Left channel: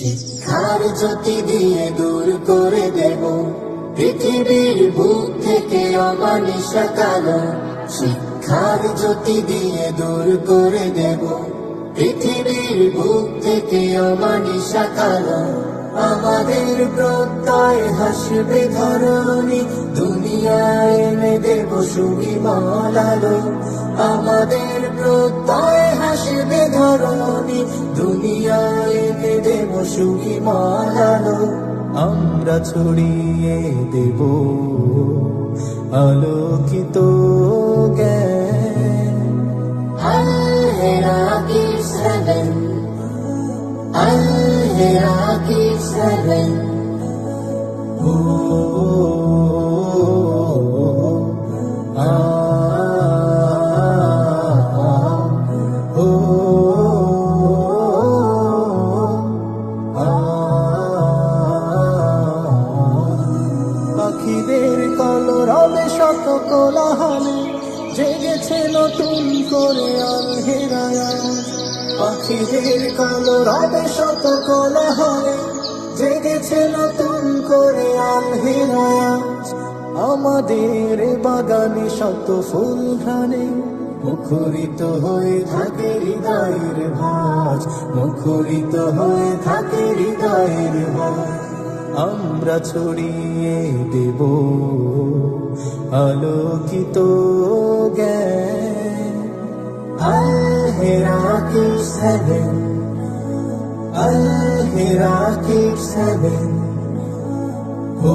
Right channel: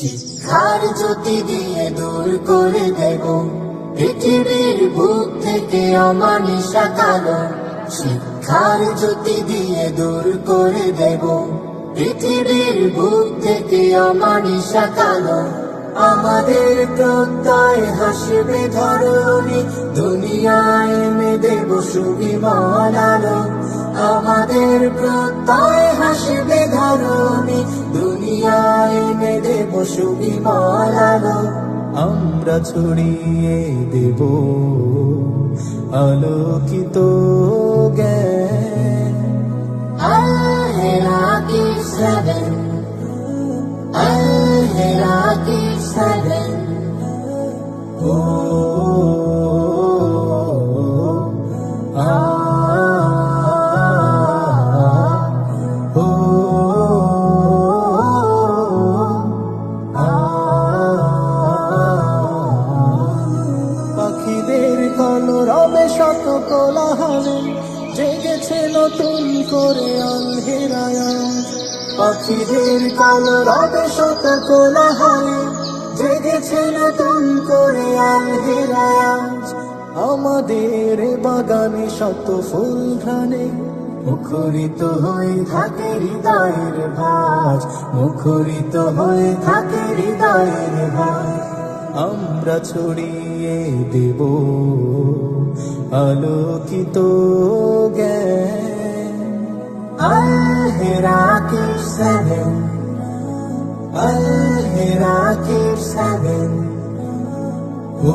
শিক্ষার জ্যোতি দিয়ে দূর করে দেব। পৃথিবীর বুক থেকে অমানিসা কালো। শিক্ষার জ্যোতি দিয়ে দূর করে দেব। পৃথিবীর বুক থেকে অমানিসা কালো। আমাদের প্রত্যয় হাসবে ধরণী। দুনিয়ায় এনে দেব সুবিমল আলো। আমাদের প্রত্যয় হাসবে ধরণী। দুনিয়ায় দেব সুখী আলো আমরা ছড়িয়ে দেব আলোকিত জ্ঞান। আলহেরাকি সেভেন আলহেরাকি সেভেন ও পাখিদের কলরবে শত কোলাহলে, জেগেছে নতুন করে আলহেরায়া। পাখিদের কলরবে শত কোলাহলে, জেগেছে নতুন করে আলহেরায়া। আমাদের বাগানে শত ফুল ঘ্রাণে, মুখরিত হয়ে থাকে হৃদয়ের ভাজ, মুখরিত হয়ে থাকে হৃদয়ের ভাজ। আমরা ছড়িয়ে দেব আলোকিত জ্ঞান। আলহেরাকি সেভেন আলহেরাকি সেভেন ও